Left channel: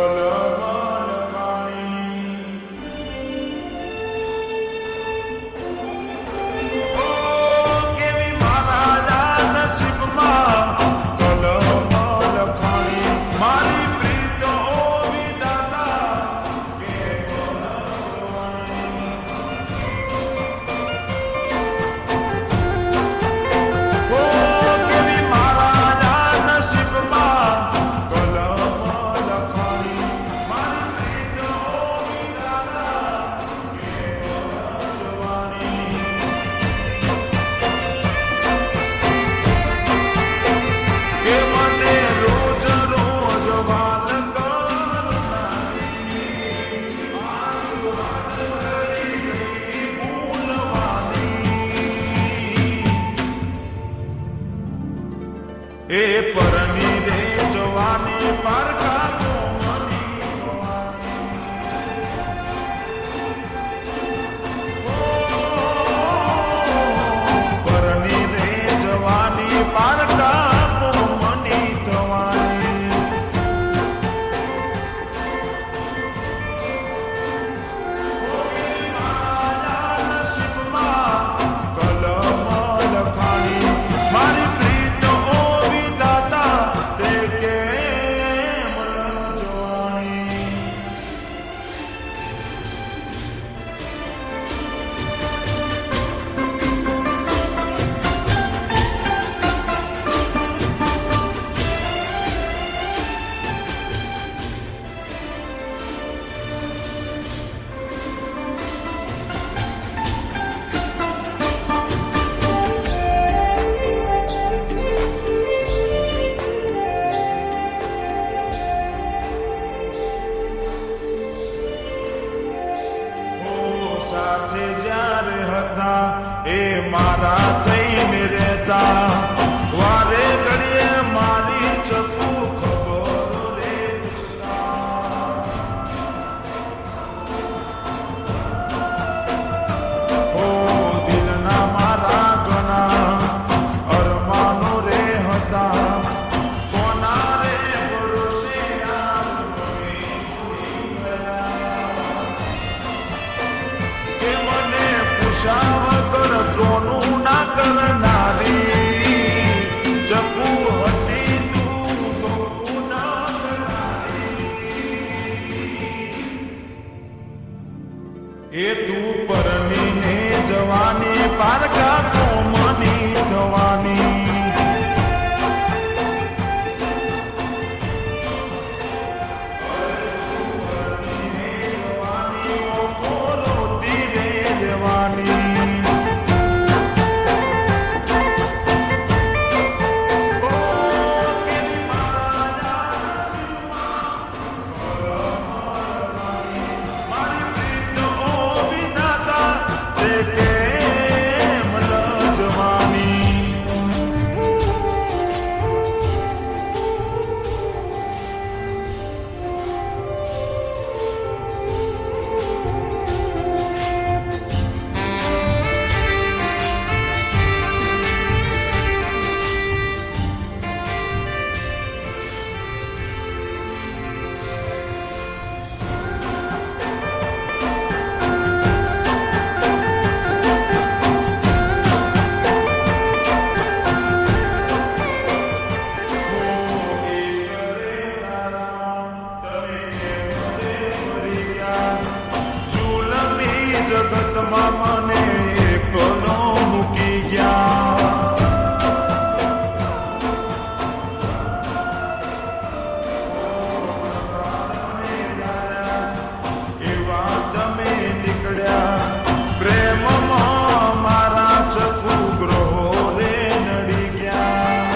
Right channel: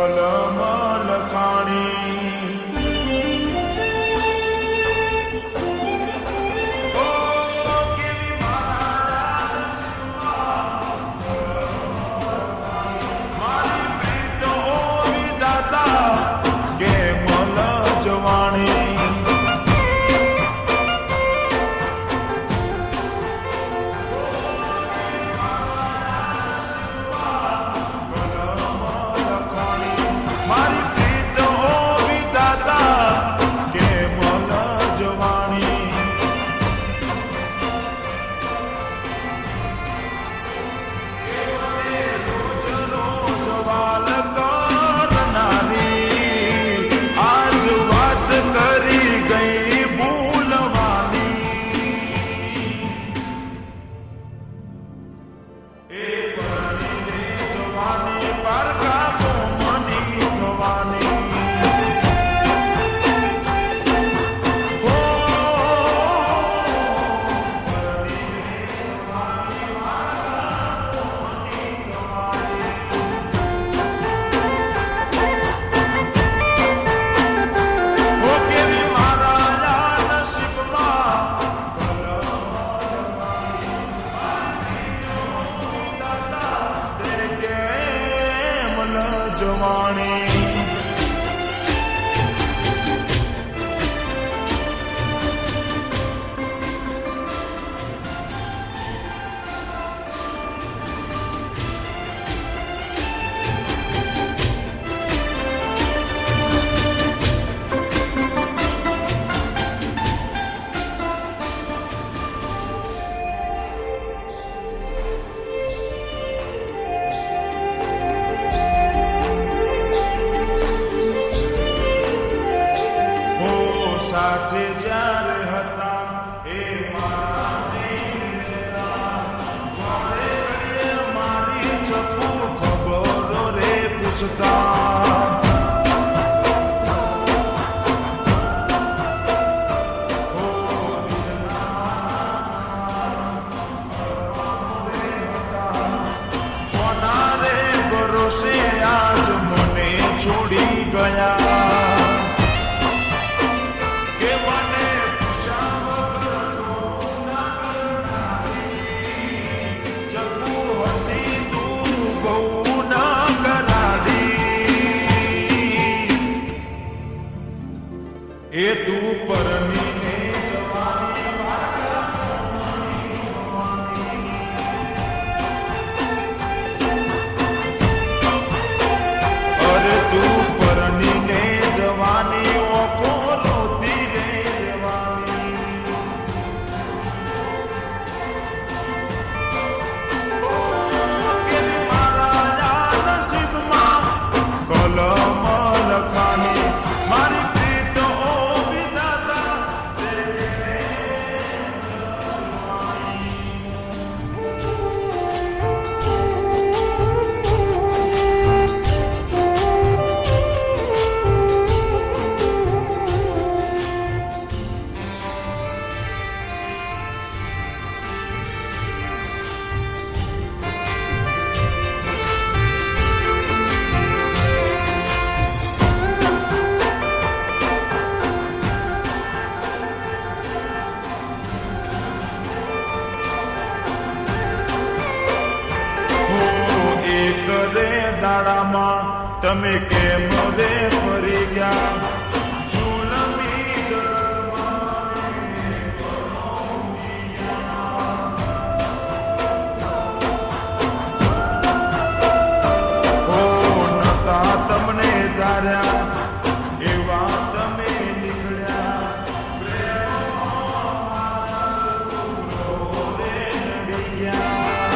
કલમ લખાણી ઓ કેવી મારા નસીબમાં કલમ લખાણી મારી પ્રીત ઓ વિધાતા કેમ જવાણી એ પરની રે જવાની પારકા કોમની થવાની હો પરની રે જવાની પારકા કોમની થવાની હો કેવી મારા નસીબમાં કલમ લખાણી મારી જવાણી સાથે જ્યારે હતા એ મારા થઈને રહેતા વારે ઘડીએ મારી ચપુ ખબરો રે પૂછતા હો દિલના મારા ઘણા અરમાનો રે હતા કોના રે ભરોસે આજ મને છોડી ગયા એ તું પરની ને જવાની પારકા કોમની થવાની અરે તું પરની ને જવાની ઓખો રોતી રે રેવાની મારી પ્રીત ઓ વિધાતા તે કેમ લજવાની દાડામાં તમે કેમ રે ફરી ગયા જુલમી જગતમાં મને એકલો મૂકી ગયા ઓ નતા તમને ધાર્યા એવા તમે નીકળ્યા પ્રેમમાં મારા ચકુ ગ્રહો રે નડી ગયા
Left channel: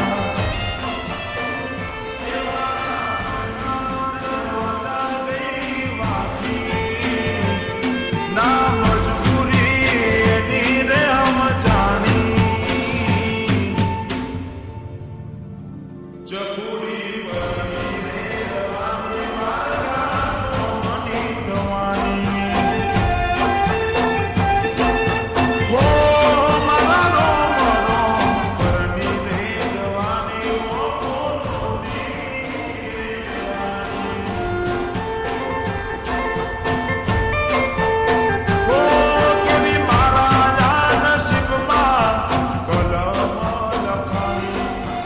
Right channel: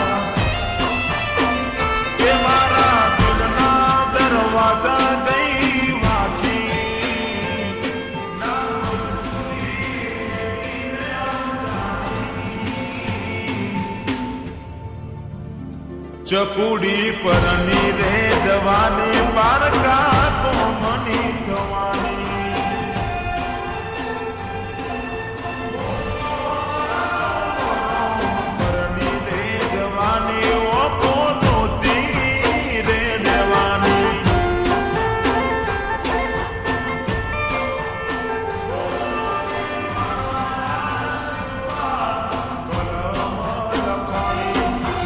ચકુડી પરની રે જવાની પારકા કોમની થવાની હો મારા રોમ પરની રે જવાની ઓકો રોતી રે દેવાની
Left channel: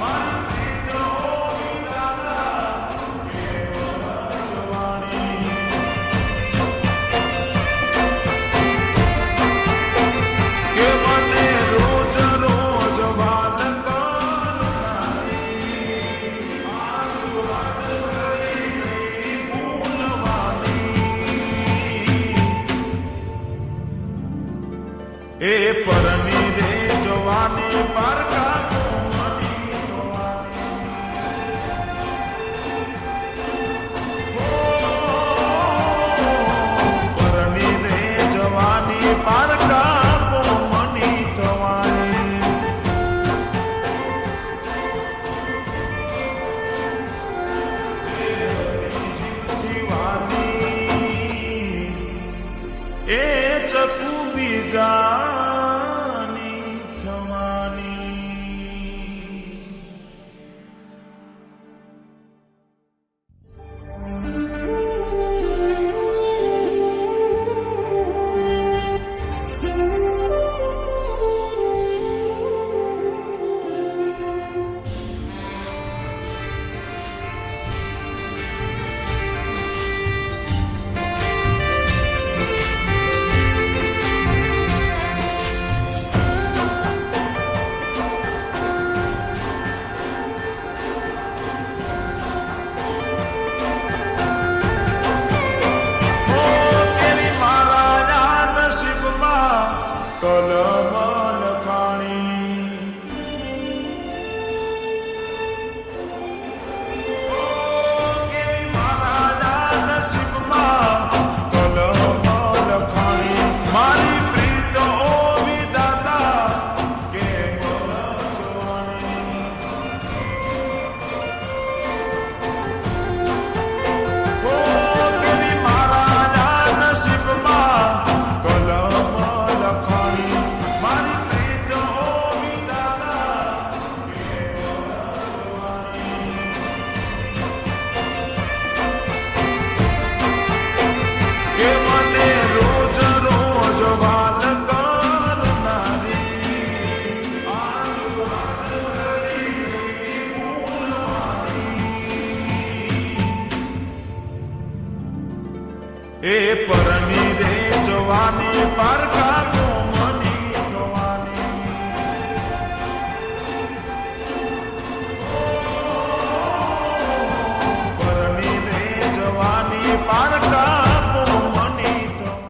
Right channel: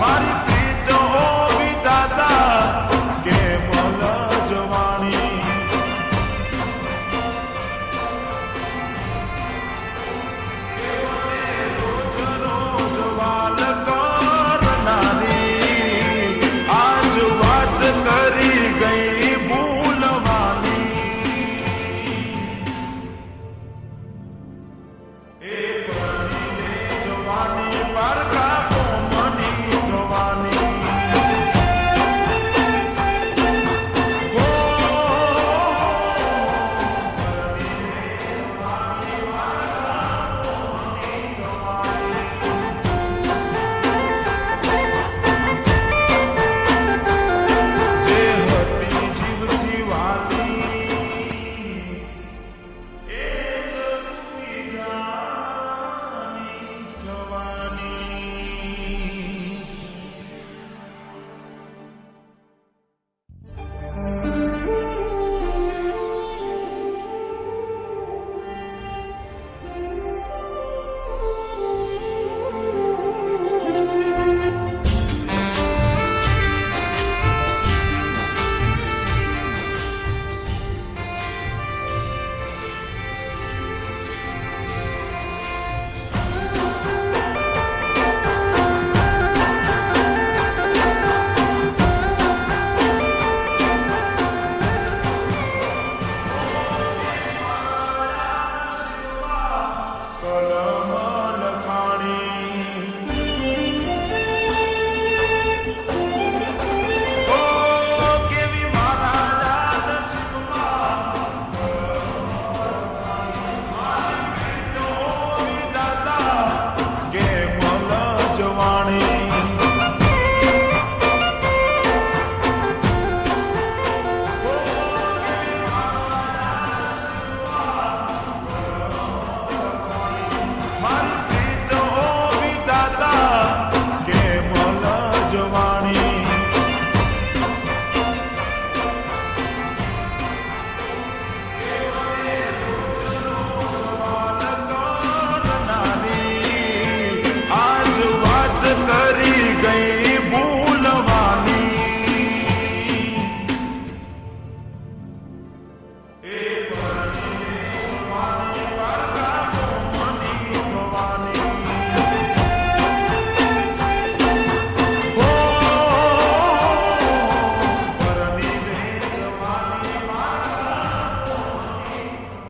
મારી પ્રીત ઓ વિધાતા કેવલ જવાણી કે મને રોજ રોજ વાત કરનારી આજ વાત કરી ગઈ ભૂલવાની એ પરની રે જવાની પારકા કોમની થવાની હો પરની રે જવાની પારકા કોમની થવાની જે હતી જીવથી વાની એ ચકુ બીજાની થવાની